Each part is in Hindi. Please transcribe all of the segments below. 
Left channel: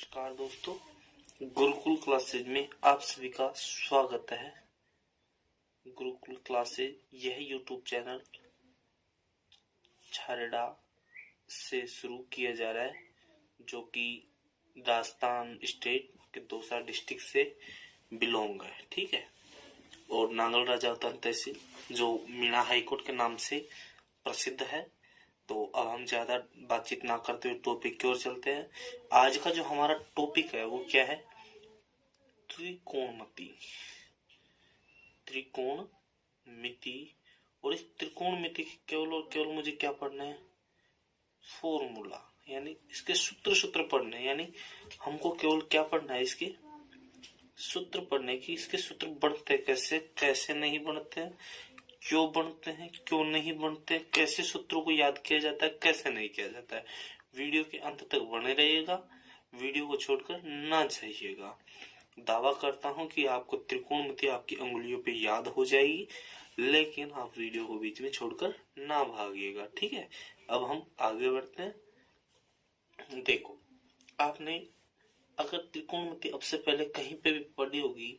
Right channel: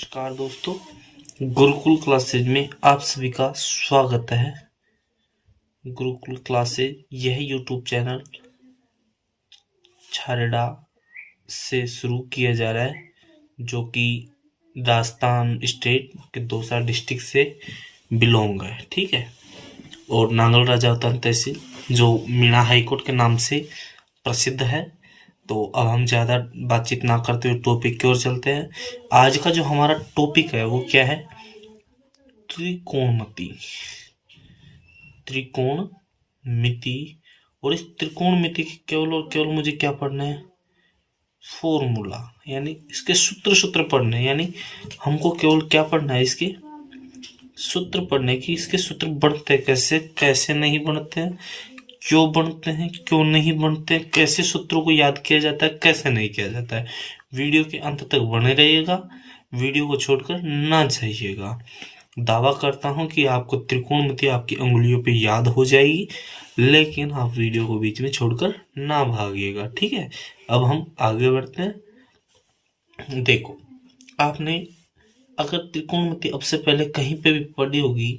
नमस्कार दोस्तों, गुरुकुल क्लासेज में आप सभी का स्वागत है। गुरुकुल क्लासेज यह यूट्यूब चैनल छारेडा से शुरू किया जा रहा है, जो कि राजस्थान स्टेट के दौसा डिस्ट्रिक्ट से बिलोंग है। ठीक है। और नांगल राजावतान तहसील जो मीणा हाईकोर्ट के नाम से प्रसिद्ध है। तो अब हम ज़्यादा बातचीत ना करते हुए टॉपिक की ओर चलते हैं। आज का जो हमारा टॉपिक है वो क्या है? त्रिकोणमिति। त्रिकोणमिति। और इस त्रिकोणमिति की केवल और केवल मुझे क्या पढ़ना है? फॉर्मूला, यानी इसके सूत्र पढ़ने हैं। यानी हमको केवल क्या पढ़ना है? इसके सूत्र पढ़ने की। इसके सूत्र बनते कैसे, कैसे नहीं बनते हैं, क्यों बनते हैं, क्यों नहीं बनते, कैसे सूत्रों को याद किया जाता है, कैसे नहीं किया जाता है। वीडियो के अंत तक बने रहिएगा, वीडियो को छोड़कर ना जाइएगा। दावा करता हूं कि आपको त्रिकोणमिति आपकी उंगलियों पे याद हो जाएगी, लेकिन आप वीडियो को बीच में छोड़कर ना भागिएगा। ठीक है। अब हम आगे बढ़ते हैं। देखो, आपने अगर त्रिकोणमिति अब से पहले कहीं पे भी पढ़ी होगी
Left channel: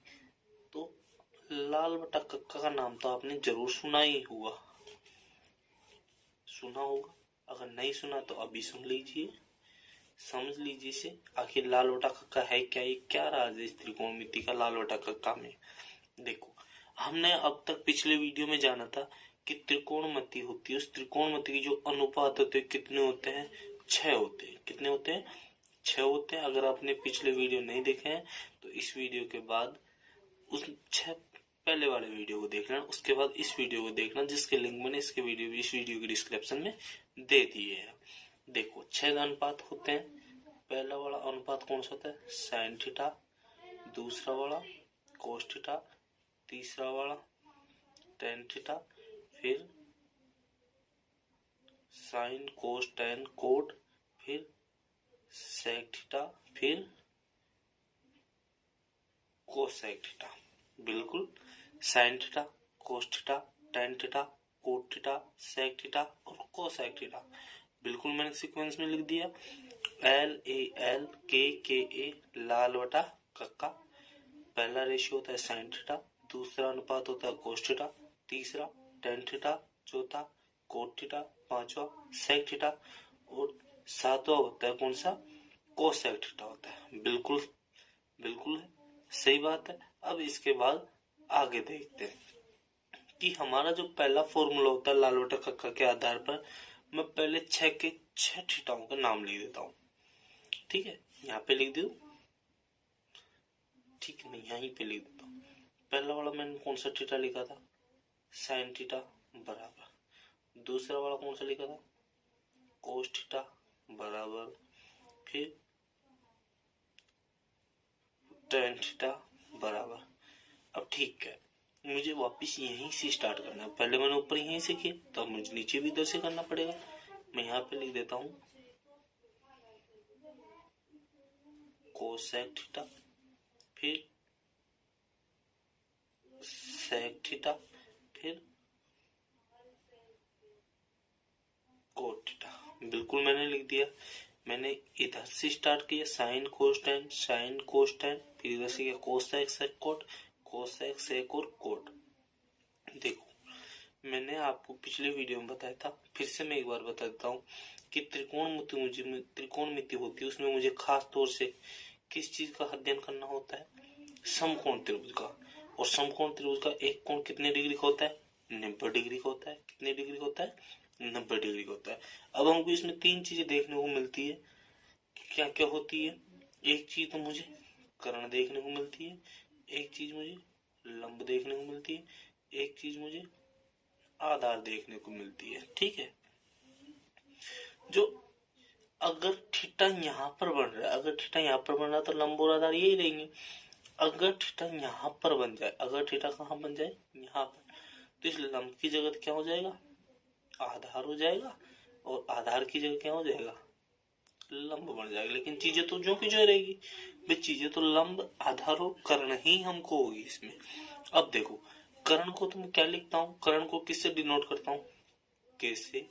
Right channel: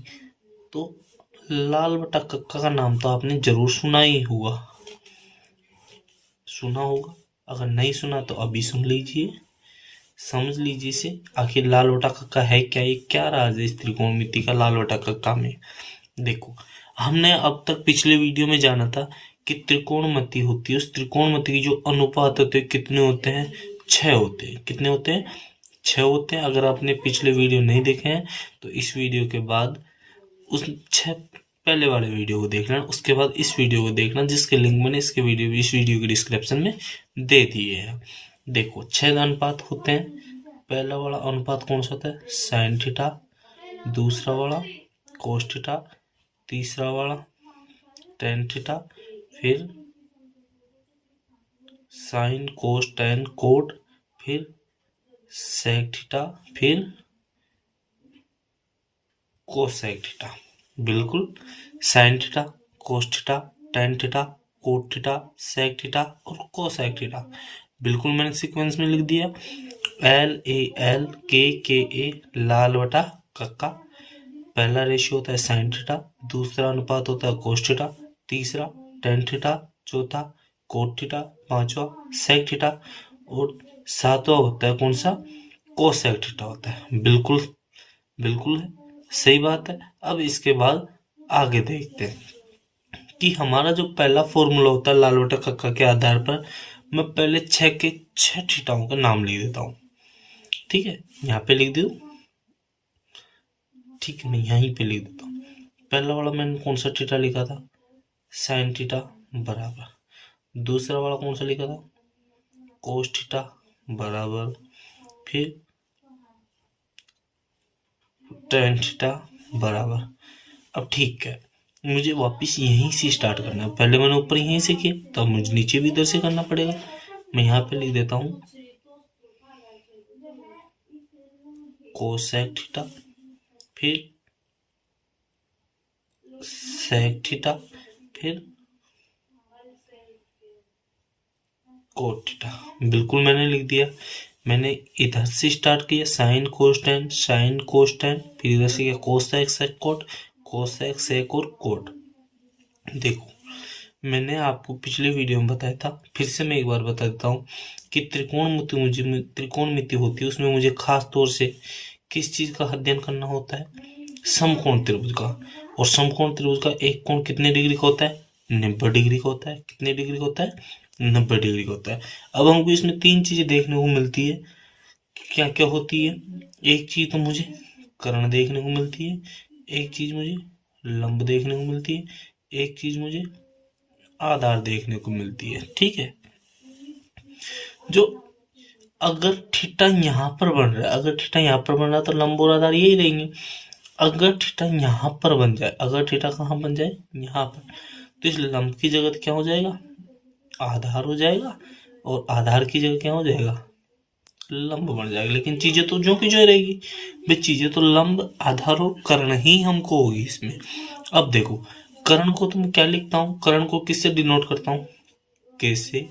तो लाल बटा कक्का का नाम तो आपने जरूर सुना ही होगा। अगर नहीं सुना तो अभी सुन लीजिए, समझ लीजिए इसे। आखिर लाल बटा कक्का है क्या? ये क्या राज है इस त्रिकोणमिति का लाल बटा कक्का में? देखो, हमने अब तक पिछले वीडियो में जाना था कि त्रिकोणमिति होती है, उस त्रिकोणमिति की जो अनुपात होते हैं कितने होते हैं? 6 होते हैं। कितने होते हैं? 6 होते हैं। अगर आपने पिछले वीडियो नहीं देखे हैं तो इस वीडियो के बाद उस 6 पहले वाले वीडियो को देख लेना, उसके बाद इस वीडियो को देखना, जिसके लिंक मैंने इस वीडियो के डिस्क्रिप्शन में दे दिए हैं। देखो, 6 अनुपात होते हैं। पहला वाला अनुपात कौन सा होता है? Sine theta. दूसरा वाला कोस थीटा। तीसरा वाला टेन थीटा। फिर साइन कोस टेन कोट। फिर सेक थीटा। फिर कोसेक थीटा। बिल्कुल, sine theta, cos theta, tan theta, cot theta, sec theta और कोसेक थीटा। बिल्कुल मैंने सीक्वेंस में लिख दिया। LAL KKA लाल बटा कक्का। पहला रेशियो होता है साइन थीटा, दूसरा अनुपात होता है कोस थीटा, तीसरा टेन थीटा, चौथा कोट थीटा, पांचवा सेक थीटा और सातवां होता है कौन सा? कोसेक थीटा होता है। बिल्कुल बिल्कुल सही बात है। अब इसके बाद आगे देखते हैं कि हमारा जो पहला फॉर्मूला होता है लाल बटा कक्का के आधार पर मैं पहले 6 के 6 थीटाओं का नाम लिख देता हूँ। ठीक है, यहाँ पे लिख दूँ? ठीक है, मैं यहीं पे लिख देता हूँ। पहला वाला मैंने कौन सा थीटा लिखा था? साइन थीटा बराबर। दूसरा वाला कौन सा लिखा था? कोस थीटा बराबर। फिर टेन थीटा बराबर। अब ठीक है, मुझे वापस यहीं से स्टार्ट करना है। पहले मैंने ऊपर यहीं से किया, तो अब मुझे नीचे भी इधर से करना पड़ेगा। मैं यहाँ पे लिख देता हूँ कोसेक थीटा, फिर सेक थीटा, फिर कोट थीटा। बिल्कुल मैंने लिख दिया। मैंने इधर से स्टार्ट किया, sine cos tan, sine cos tan, फिर इधर से किया cosec sec cot, cosec sec और कोट। देखो, मैंने आपको पिछले वीडियो में बताया था, फिर से मैं एक बार बता देता हूँ कि त्रिकोणमिति होती है, उसमें मुझे खास तौर से किस चीज का अध्ययन करना होता है? समकोण त्रिभुज का। और समकोण त्रिभुज का एक कोण कितने डिग्री का होता है? 90 डिग्री का होता है। कितने डिग्री का होता है? 90 डिग्री का होता है। अब हमको इसमें 3 चीजें देखने को मिलती है। क्या क्या होती है? एक चीज तो मुझे कर्ण देखने को मिलती है, एक चीज मुझे लंब देखने को मिलती है, एक चीज मुझे आधार देखने को मिलती है। ठीक है। जो अगर थीटा यहाँ पर बन रहा है, अगर थीटा यहाँ पर बन रहा है तो लंब और आधार यही रहेंगे। अगर थीटा यहाँ पर बन जाए, अगर थीटा कहाँ बन जाए? यहाँ पर, तो इस लंब की जगह क्या हो जाएगा? आधार हो जाएगा। और आधार की जगह क्या हो जाएगा? लंब बन जाएगा। लेकिन चीजें तो जो की जो रहेगी भाई, चीजें तो लंब आधार और कर्ण ही हमको होगी इसमें। अब देखो, कर्ण को तुम क्या लिखता हूँ? कर्ण को किससे डिनोट करता हूँ? कैसे?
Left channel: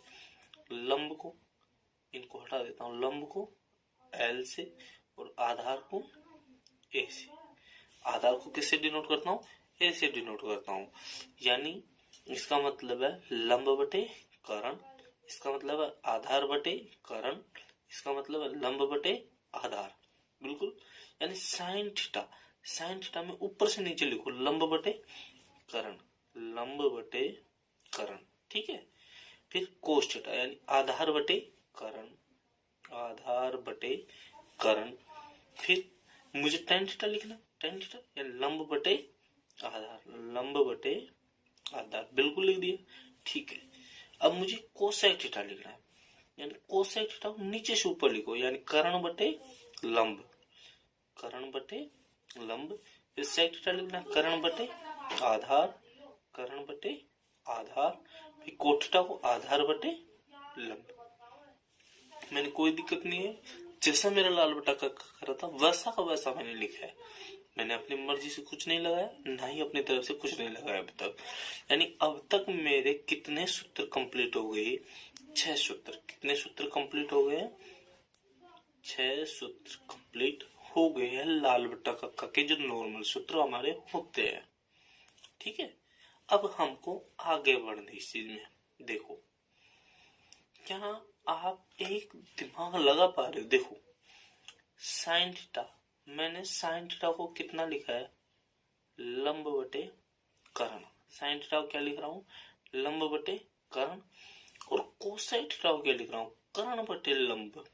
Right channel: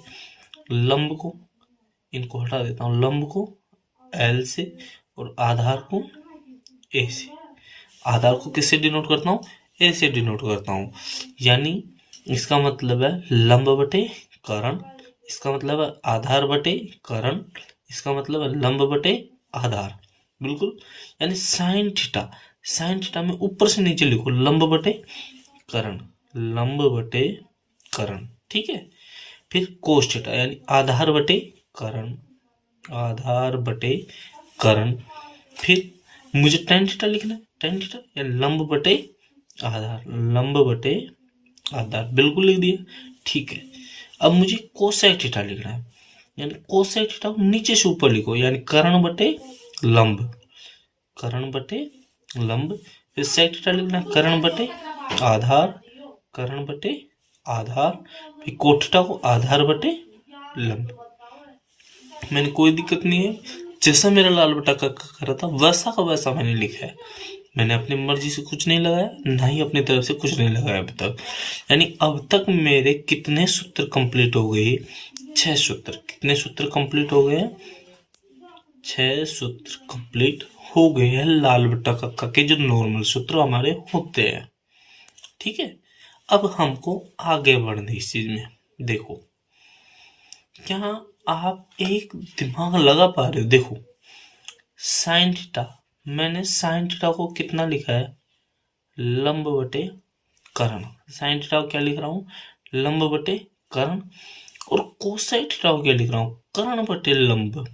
लंब को, इनको हटा देता हूँ, लंब को L से और आधार को ए से। आधार को किससे डिनोट करता हूँ? ए से डिनोट करता हूँ। यानी इसका मतलब है लंब बटे कर्ण, इसका मतलब है आधार बटे कर्ण, इसका मतलब है लंब बटे आधार। बिल्कुल। यानी साइन थीटा, साइन थीटा में ऊपर से नीचे लिखो लंब बटे कर्ण, लंब बटे कर्ण। ठीक है। फिर कोस थीटा यानी आधार बटे कर्ण, आधार बटे कर्ण। फिर मुझे टेन थीटा लिखना है, टेन थीटा या लंब बटे आधार, लंब बटे आधार। बिल्कुल लिख दिया। ठीक है। अब मुझे कोसेक थीटा लिखना है, यानी कोसेक थीटा को नीचे से ऊपर लिखो, यानी कर्ण बटे लंब, कर्ण बटे लंब। फिर सेक थीटा लिखना है कर्ण बटे आधार, कर्ण बटे आधार। फिर कोट थीटा को आधार बटे लंब। मैंने कोई दिक्कत नहीं है, जैसा मेरा लाल बटा का करा था वैसा का वैसा मैंने लिखा है। मैंने अपनी मर्जी से कुछ नहीं लगाया, ना ही अपनी तरफ से कुछ नहीं लगाया अब तक। यानी अब तक मेरे कितने सूत्र कंप्लीट हो गए? 6 सूत्र। कितने सूत्र कंप्लीट हो गए? 6 सूत्र कंप्लीट हो गए हैं लाल बटा कक्का के, जो नॉर्मल सूत्र हमारे होते हैं। ठीक है। अब हमको आगे बढ़ना इस चीज में। देखो, क्या आप एक दिमाग लगा पा रहे हो? देखो, साइन थीटा, मैंने साइन थीटा को कितना लिखा है? लंब बटे कर्ण। साइन थीटा को क्या लिख रहा हूँ? लंब बटे कर्ण। और कोसाइन थीटा को क्या लिख रहा हूँ? कर्ण बटे लंब,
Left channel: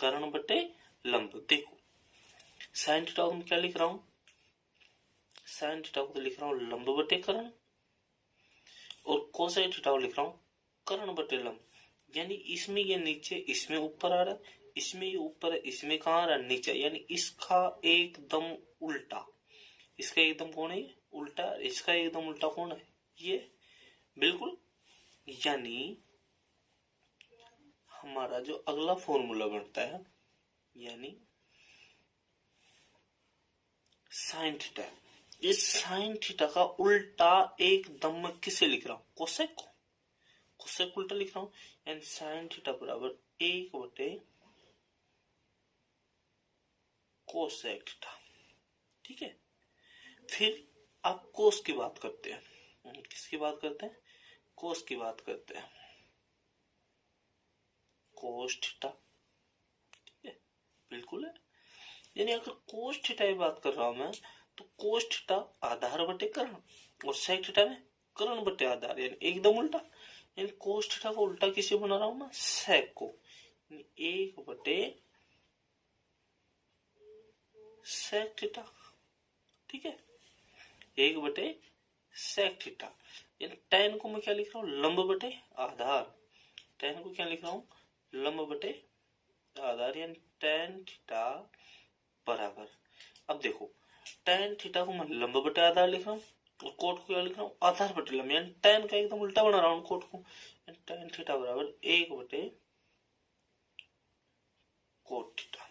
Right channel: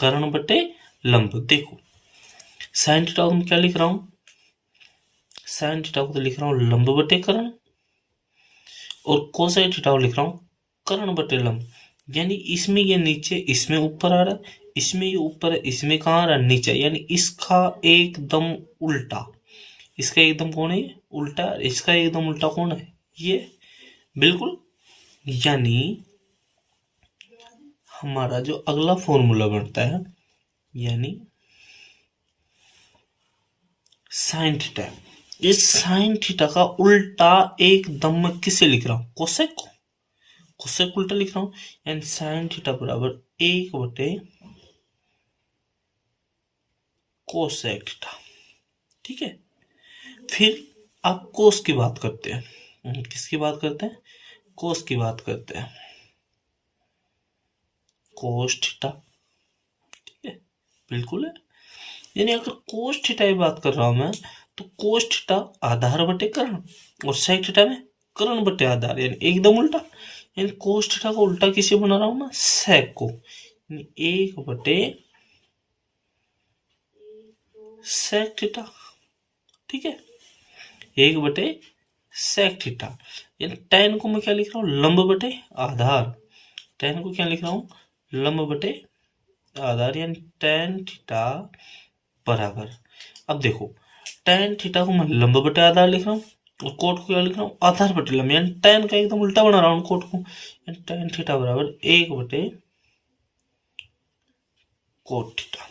कर्ण बटे लंब। देखो, साइन थीटा को मैं क्या लिख रहा हूँ? साइन थीटा को तो लिख रहा हूँ लंब बटे कर्ण, और कोसाइन थीटा को लिख रहा हूँ कर्ण बटे लंब। यानी इसमें ये नीचे, इसमें ऊपर आ रहा है, इसमें ये ऊपर है, इसमें कहाँ आ रहा है? नीचे। यानी इसका एकदम उल्टा, इसका एकदम कौन है? उल्टा। इसका एकदम उल्टा कौन है? ये। बिल्कुल। यानी हमारा जो अगला फॉर्मूला बनता है, यानी साइन थीटा, इस साइन थीटा का उल्टा एकदम मैं किसे लिख रहा हूं? कोसेक को। कोसेक उल्टा लिख रहा हूं, यानी साइन थीटा बराबर 1 बटे कोसेक थीटा। ठीक है। फिर आप कोस की बात करते हैं। किसकी बात करते हैं? कोस की बात करते हैं। Cos theta. ठीक है। बिल्कुल है। यानी अगर कोस थीटा की बात कर रहा हूं मैं, तो कोस थीटा आधार बटे कर्ण, और सेक थीटा में कर्ण बटे आधार, यानी एकदम उल्टा। यानी कोस थीटा को उल्टा किसे बना रहा हूं मैं? सेक को। यानी 1 बटे सेक थीटा। ठीक है। 1 बटे सेक थीटा। यानी tan को मैं क्या लिख रहा हूँ? लंब बटे आधार। tan को क्या लिख रहा हूँ? लंब बटे आधार। यानी tan थीटा बराबर, अब देखो, tan थीटा को मैं लंब बटे आधार लिख रहा हूँ, और कोट को क्या लिख रहा हूँ? आधार बटे लंब। यानी tan का एकदम उल्टा बना रहा हूँ कोट को। यानी tan थीटा बराबर 1 बटे कोट थीटा।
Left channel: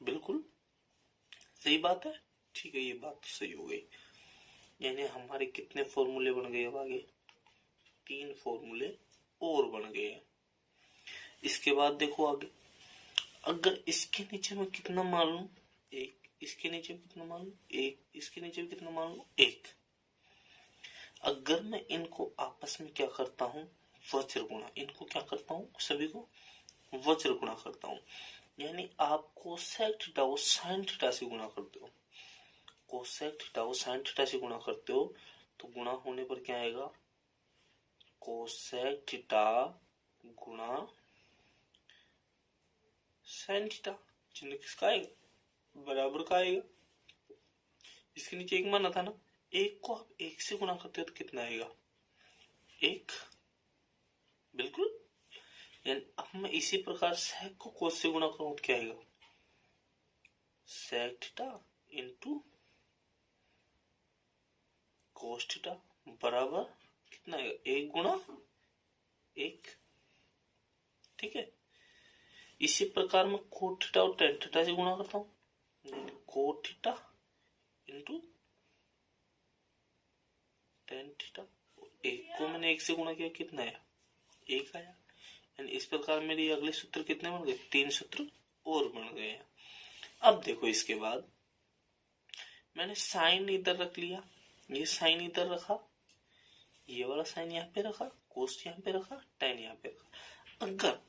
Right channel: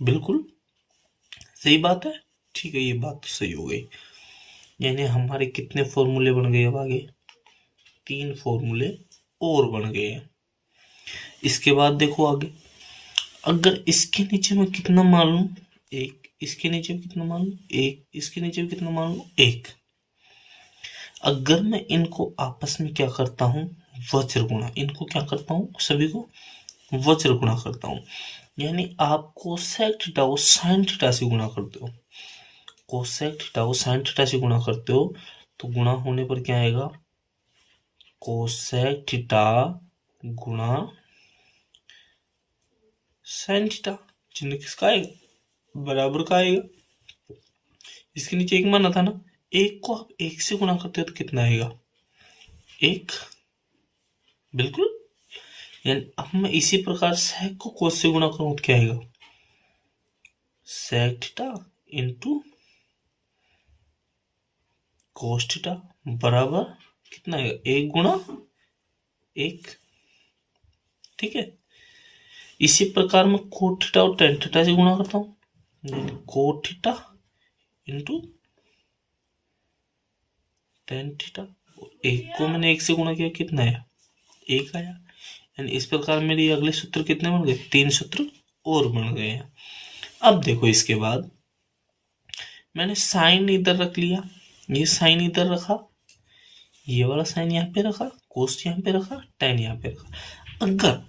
बिल्कुल सही बात है। ठीक है, ये बात तो सही हो गई। यानी हमारे कितने फॉर्मूले बन गए? अब आगे 3 फॉर्मूले और बन गए हैं। इसके बाद देखो आगे, अगर इसके नीचे में कितना मान लूं? 1। इसके नीचे में कितना मान लूं? 1। इसके नीचे में कितना मान लूं? 1। अगर मैं इनको आपस में क्या करता हूं? वज्र गुणा। इनको क्या करता हूं? सभी को वज्र गुणा करता हूं। यानी आप कोसेक थीटा को साइन थीटा से गुणा करते हो, कोसेक थीटा को साइन थीटा से गुणा करते हो, तो गुणा होने पर क्या आएगा? कोसेक थीटा गुणा साइन थीटा। चिन्ह किसका आएगा? बराबर का आएगा। इसके नीचे 1 माना था ना, 1 को आप 1 से गुणा करते हो तो कितना आएगा? 1। बिल्कुल। यानी अब मैं इसी प्रकार सेक को कोस से गुणा करूं तो क्या आएगा? Sec theta into cos theta बराबर कितना आएगा? 1 गुणा 1। ठीक है। इसी प्रकार मैं कोट थीटा और टेन थीटा से गुणा करता हूँ, cot theta into tan theta. 1 को मैंने 1 से गुणा किया, कितना आया? 1 आया। यानी इस प्रकार मेरे अगले सूत्र कितने बन गए? 3 सूत्र और बन गए हैं। अब देखो इसके बाद मैंने साइन इधर रख लिया, ये साइन इधर रखा, ये वाला साइन यहाँ पे रखा, कोस यहाँ पे रखा, tan यहाँ पे रखा। अगर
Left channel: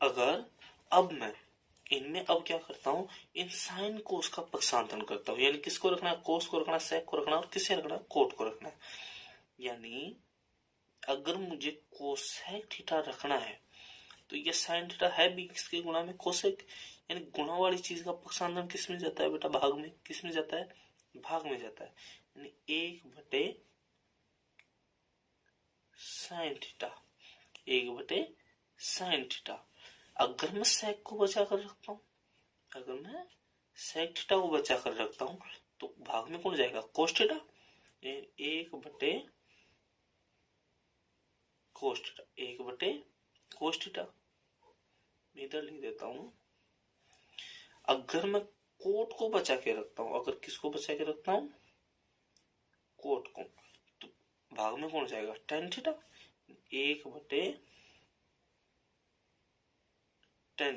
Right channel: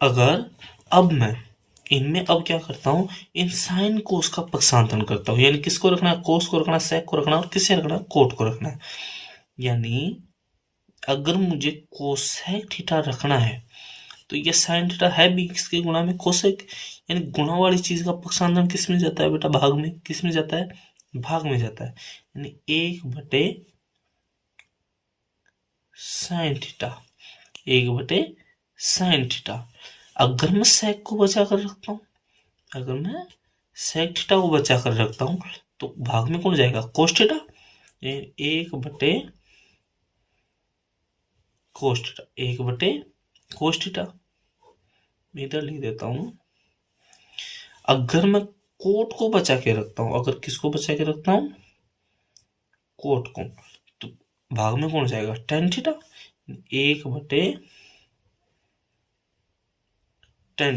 अगर अब मैं इनमें अब क्या करता हूँ, इन साइन कोस का पक्षांतरण करता हूँ। यानी किसको रखना है, कोस को रखना है, सेक को रखना है, और किसे रखना है, कोट को रखना है। यानी अगर मुझे कोसेक थीटा रखना है तो ये साइन थीटा है भी किसके गुणा में, कोसेक। यानी गुणा वाली चीज का पक्षांतरण किस में जाता है बेटा, भाग में। किस में जाता है, भाग में जाता है। यानी 1/sin थीटा, 1/sin थीटा। अगर मैं सेक को बचा कर रखता हूँ, अगर मैं सेक थीटा को बचा कर रखता हूँ तो भाग में कौन जाएगा, कोस थीटा। 1/कोस थीटा, 1/कोस थीटा। इधर लिख देता हूँ। अगर मैं कोट को बचा के रखता हूँ, अगर किसको बचा के रखता हूँ, कोट को, तो भाग में कौन जाएगा, tan थीटा। 1/tan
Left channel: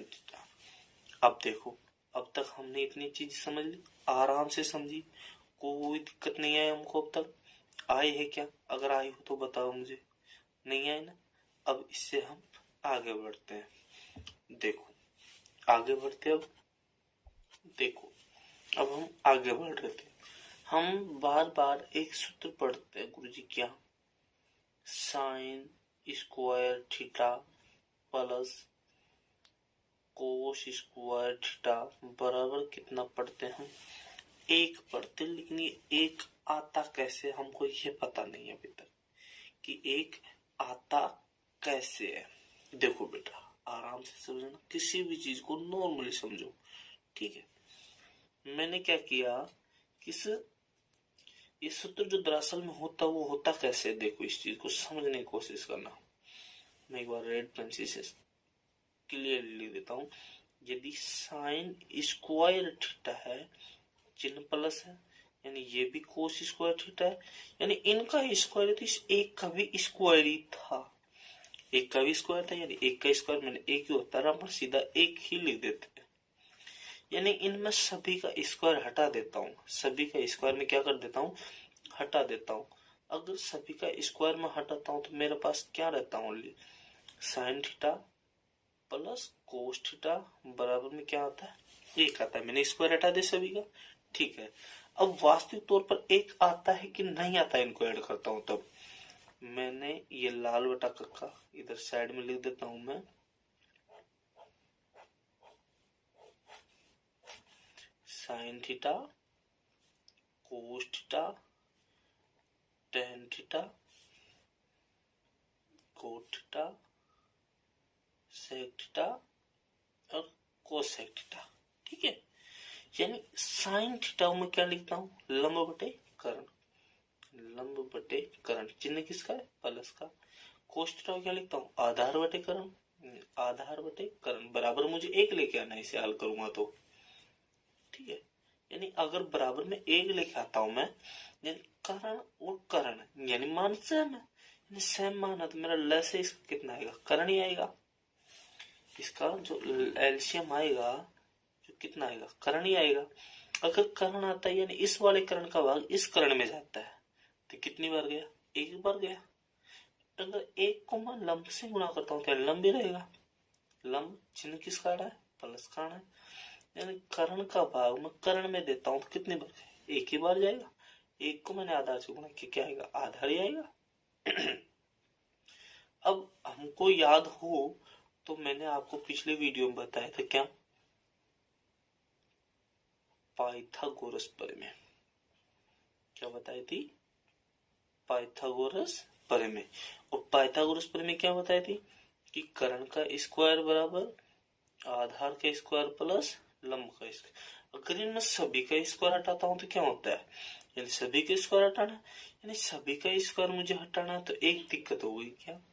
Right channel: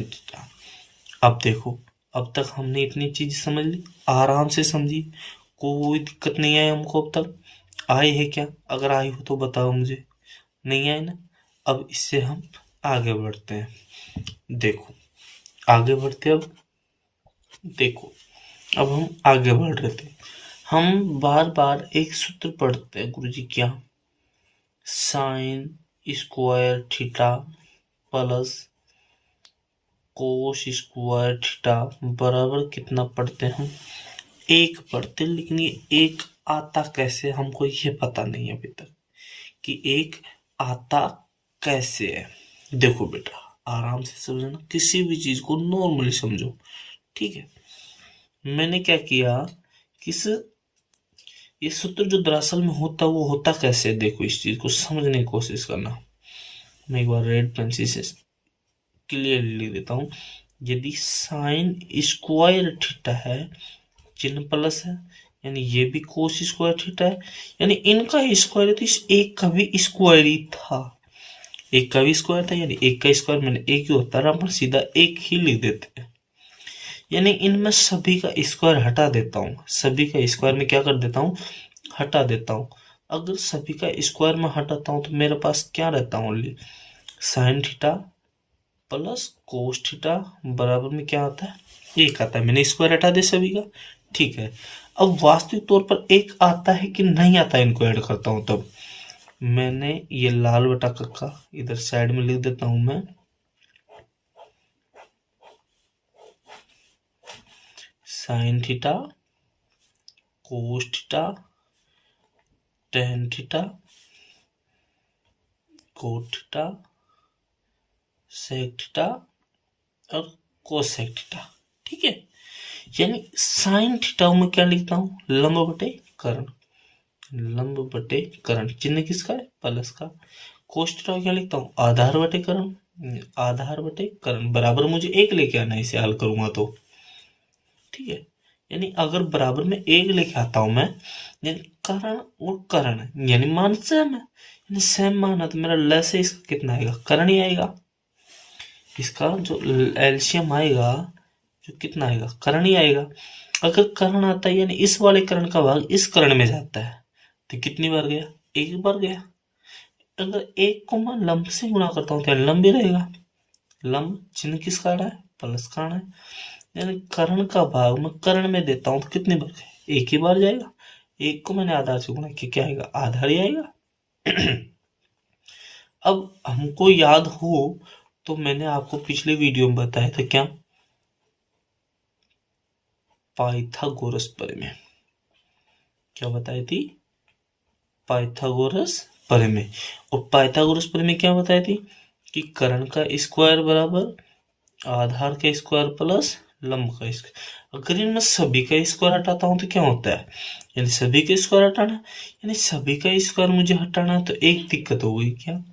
theta. अब देखो, अब तक हमने इतनी चीज समझ ली, आराम से समझी, कोई दिक्कत नहीं आई हमको अब तक। आई है क्या, अगर आई हो तो बताओ मुझे, नहीं आई ना। अब इससे हम आगे बढ़ते हैं। देखो आगे बढ़ते, अब देखो, अब हम आगे बढ़ रहे थे, हम बार बार एक सूत्र पढ़ते हैं गुरुजी, क्या, sine square theta plus cos square theta बराबर कितना पढ़ते हैं हम, 1 पढ़ते हैं। लेकिन ये 1 आता कैसे हमको ये पता नहीं है अभी तक कि 1 आता कैसे है। देखो बेटा आराम से समझना, किसी भी चीज को नॉर्मली समझो, ठीक है। मैंने क्या किया, किस ये सूत्र जो दरअसल में होता वो होता कैसे, देखो इस चीज को समझने की कोशिश करना। मैं एक बार रेड पेंसिल से क्लियरली लिख देता हूँ। यदि साइन स्क्वायर थीटा है, चिन्ह प्लस है, यानी ये भी कोस स्क्वायर थीटा है, यानी इनका स्क्वायर है तो इस एक का भी स्क्वायर ही था, एक का भी स्क्वायर था। यानी एक का स्क्वायर मैंने एक ही होता है, अपन सीधा एक ही लिख देते हैं। यानी इनमें सभी का स्क्वायर हटा देता हूँ, सभी का स्क्वायर में क्या कर देता हूँ, हटा देता हूँ। अगर सभी का स्क्वायर में हटाता हूँ तो मेरे पास क्या रहता है, only sine theta plus cos theta बराबर में क्या आता है, एक आता है। मैंने स्क्वायर हटा दे सभी का, ठीक है। अब वास्तविक तौर पर एक आता है कि नहीं आता है, इनको ऐड करता हूँ तब मैंने ये लाल बटा कक्का इधर साइड में लिख देता हूं मैं, sine theta cos theta tan theta cot theta sec theta और कोसेक थीटा, ठीक है। यानी साइन थीटा में क्या लिखता हूँ, लंब बटे कर्ण, लंब बटे कर्ण, चिन्ह किसका है, प्लस का। कोस थीटा क्या लिखता हूँ, आधार बटे कर्ण, आधार बटे कर्ण बराबर मुझे एक लेके आना है, इसे हल करूंगा तो, ठीक है। यानी अगर बराबर में एक लेके आता हूं मैं, यानी कर्ण और कर्ण यानी मान सेम है, यानी सेम मान है तो मेरा ल से इसका कितना आएगा, कर्ण ही आएगा। इसका जो एलसीएम आएगा जो कितना आएगा, कर्ण ही आएगा। अगर कर्ण आता है यानी इस वाले कर्ण का भाग इस कर्ण में जाता है तो कितनी बार गया, एक बार गया। अगर एक को मैं लंब से गुणा करता हूँ तो लंब ही रहेगा, लंब चिन्ह किसका आ रहा है, प्लस का आना है। यानी कर्ण का भाग मैं कर्ण में देता हूँ तो कितनी बार, एक ही बार जाएगा। एक को मैंने आधार से गुणा किया, क्या आएगा, आधार ही आएगा। अब हमको याद हो तो मैंने आपको पिछले वीडियो में बताया था क्या, पाइथागोरस प्रमेय, क्या बताई थी, पाइथागोरस प्रमेय। और पाइथागोरस प्रमेय क्या बताई थी कि कर्ण का स्क्वायर बराबर आधार का स्क्वायर प्लस लंब का स्क्वायर। अगर इनमें सभी का स्क्वायर हटाता हूं तो क्या होता है, यानी सभी का स्क्वायर हटाना, यानी सभी का स्क्वायर मुझे हटाना है तो एक दिक्कत हो गई क्या,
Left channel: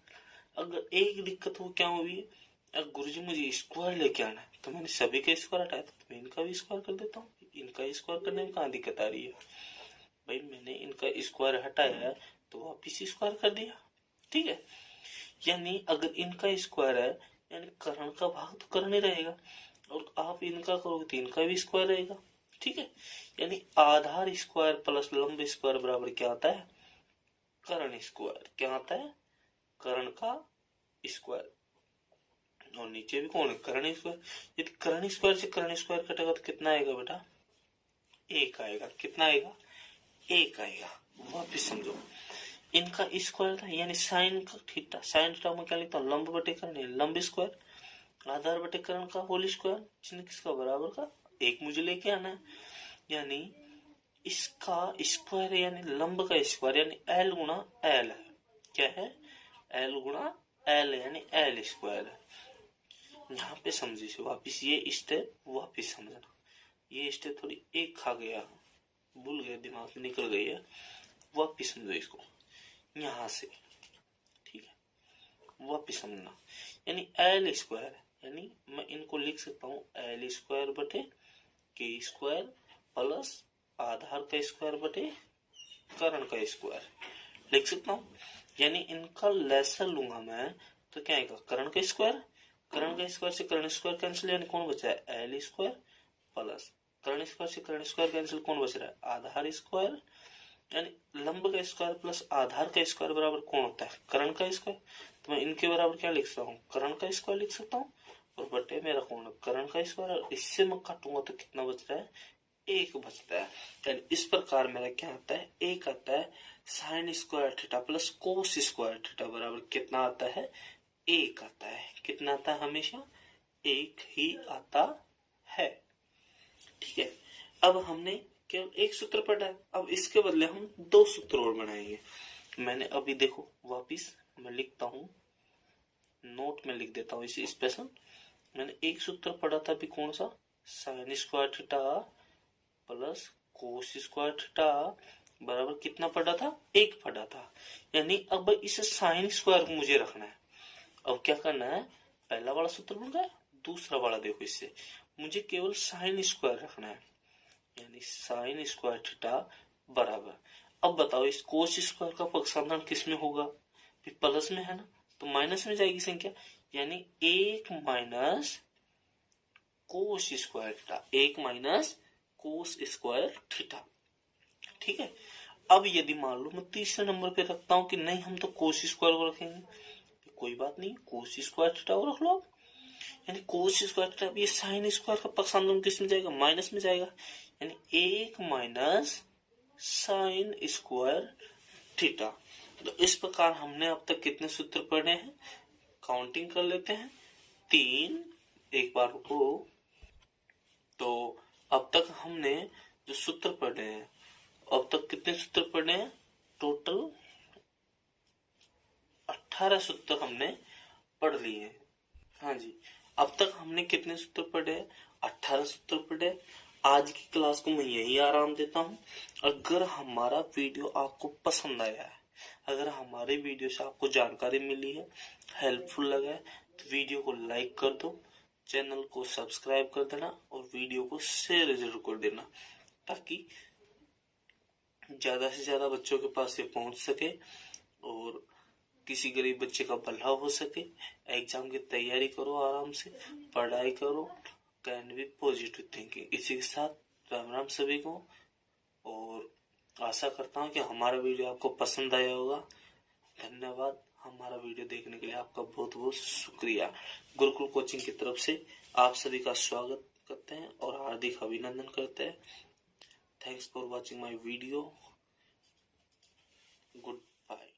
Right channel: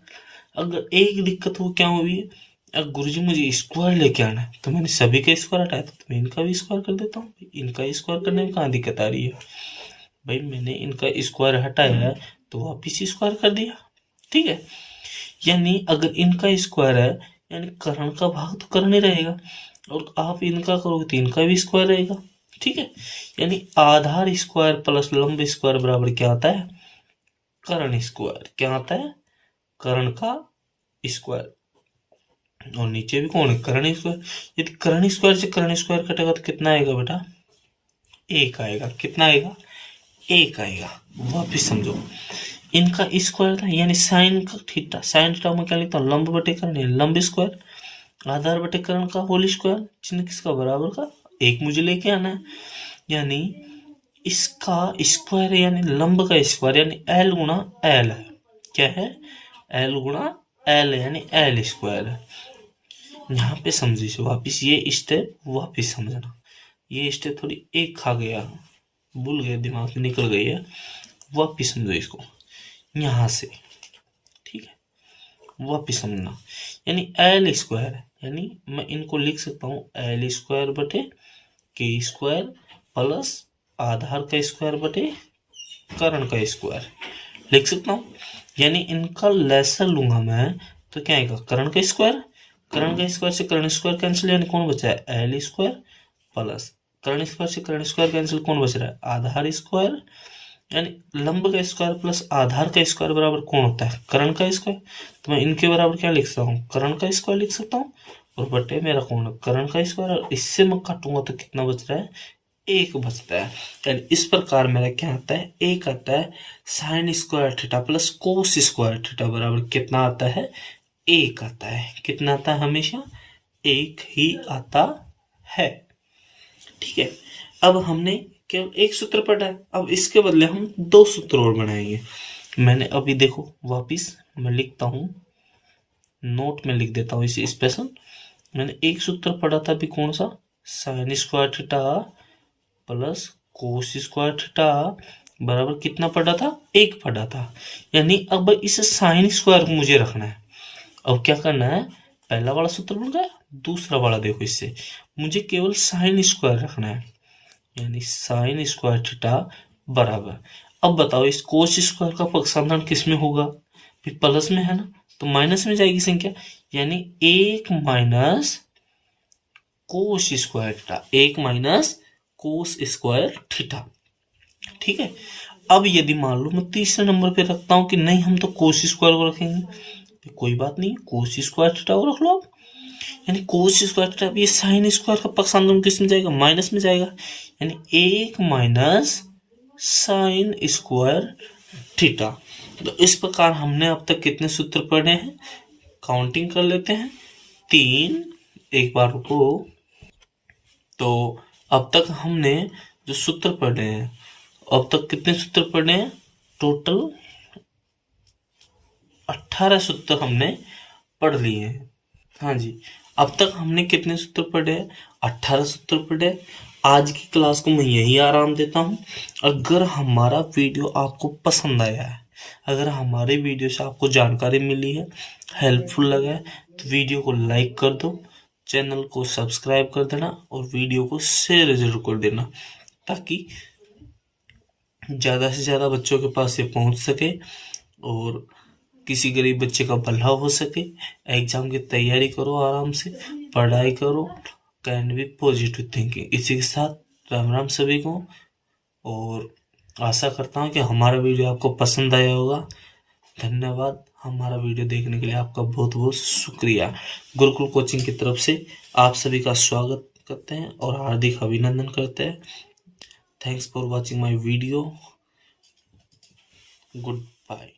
अगर एक दिक्कत हो क्या हुई, अगर गुरुजी मुझे स्क्वायर लेके आना है तो मैंने सभी का स्क्वायर हटाया तो मैं इनका भी स्क्वायर कर देता हूँ। इनका स्क्वायर करने में कहाँ दिक्कत आ रही है भाई, मैंने इनका स्क्वायर हटाया है तो वापिस स्क्वायर कर दिया, ठीक है। यानी अगर इनका स्क्वायर है यानी कर्ण का भाग तो कर्ण ही रहेगा। और आप इनका करोगे तो इनका भी स्क्वायर रहेगा। ठीक है, यानी आधार स्क्वायर प्लस लंब स्क्वायर बराबर क्या आता है? कर्ण स्क्वायर। क्या आता है? कर्ण का स्क्वायर। और नीचे भी कौन है? कर्ण स्क्वायर। यदि कर्ण स्क्वायर से कर्ण स्क्वायर कटेगा तो कितना आएगा बेटा? एक आएगा। कितना आएगा? एक आएगा। वापिस समझो, इनका स्क्वायर था यानी साइन का थीटा। साइन थीटा में क्या लिखता हूँ? लंब बटे कर्ण, लंब स्क्वायर। आधार बटे कर्ण का होल स्क्वायर, चिन्ह किसका? बराबर का। एक मुझे लेके आना है, यानी इसका स्क्वायर यानी लंब का स्क्वायर यानी एल गुणा एल है। क्या है? एल गुणा एल यानी एल स्क्वायर है। यहाँ पे समझिए वापिस ये स्टेप वापिस समझना। ये स्टेप थोड़ी एक खा गया, भूल गए, दिमाग से निकल गई है। वापिस समझो इसको यहाँ से। ठीक है, वापिस समझना, यानी एल स्क्वायर यानी मैं इनको लिख सकता हूँ एल स्क्वायर बटे के स्क्वायर प्लस आधार का स्क्वायर बटे कर्ण का स्क्वायर लिख सकता हूँ। यानी इनका लेसर लूंगा मैं तो क्या आएगा? कर्ण का स्क्वायर। कर्ण का स्क्वायर से कर्ण स्क्वायर कैंसिल, यानी कौन बचा है? एल स्क्वायर प्लस कर्ण स्क्वायर से कर्ण स्क्वायर कैंसिल, कौन बच रहा है? आधार स्क्वायर। यानी लंब का स्क्वायर प्लस आधार का स्क्वायर बराबर कौन होता है? कर्ण का स्क्वायर। तो मैं इनके बराबर क्या लिख सकता हूँ? कर्ण का स्क्वायर लिख सकता हूँ, और बटे मेरा कौन है? कर्ण का स्क्वायर। और इससे मैं काटूंगा तो कितना बच रहा है? एक बचता है। यानी इस प्रकार मेरा क्या आता है? एक आता है। Sine square theta plus cos square theta बराबर कितना आता है? एक आता है। कितना आता है? हमेशा एक ही आता है। ठीक है, अब हमने केवल एक सूत्र पढ़ा है, अब इसके बदले हम दो सूत्र और बनाएंगे। मैंने अभी देखो वापिस मैं लिखता हूँ, नोट में लिख देता हूँ इसे स्पेशल। मैंने एक सूत्र पढ़ा था अभी, कौन सा? Sine square theta plus cos square theta बराबर कितना पढ़ा था? एक पढ़ा था। यानी अब इस साइन स्क्वायर को मुझे रखना है। अब क्या करना है? पहला वाला सूत्र बन गया, दूसरा वाला देखो, इससे मुझे केवल साइन स्क्वायर रखना है, यानी साइन स्क्वायर थीटा बराबर। अब बताओ इस कोस स्क्वायर का पक्षांतरण किस में होगा? फिर प्लस में है ना, तो माइनस में जाएगी संख्या, यानी एक माइनस कोस स्क्वायर थीटा। एक माइनस कोस स्क्वायर थीटा। ठीक है, अब यदि मान लो मैं तीसरे नंबर पे रखता हूं कि नहीं हम तो कोस स्क्वायर को रखेंगे, तो कोई बात नहीं, कोस स्क्वायर थीटा को रख लो आप। यानी कोस स्क्वायर थीटा, ये साइन स्क्वायर का पक्षांतरण किस में जाएगा? माइनस में जाएगा, यानी एक माइनस साइन स्क्वायर थीटा। तो इस प्रकार हमने अब तक कितने सूत्र पढ़े हैं? काउंटिंग कर लेते हैं, 3। एक बार रुको। तो अब तक हमने जो सूत्र पढ़े हैं, अब तक कितने सूत्र पढ़े हैं? टोटल 18 सूत्र हमने पढ़ लिए हैं। हाँ जी, अब तक हमने कितने सूत्र पढ़े हैं? 18 सूत्र पढ़े। आज की क्लास को मैं यही आराम देता हूँ। अगर हमारा वीडियो आपको पसंद आया है, अगर हमारे वीडियो से आपको जानकारी मिली है, हेल्पफुल लगा है, तो वीडियो को लाइक कर दो, चैनल को सब्सक्राइब कर देना और वीडियो को शेयर जरूर कर देना, ताकि ज़्यादा से ज़्यादा बच्चों के पास ये पहुंच सके और किसी गरीब बच्चे का भला हो सके। एग्जाम की तैयारी करो, आराम से पढ़ाई करो, कैन बी पॉजिटिव थिंकिंग। इसी के साथ राम राम सभी को, और आशा करता हूँ कि हमारा वीडियो आपको पसंद आया होगा। धन्यवाद, हमारा वीडियो देखने के लिए आपका बहुत बहुत शुक्रिया। गुरुकुल कोचिंग की तरफ से आप सभी का स्वागत करते हैं और हार्दिक अभिनंदन करते हैं। Thanks for watching my video. Good bye.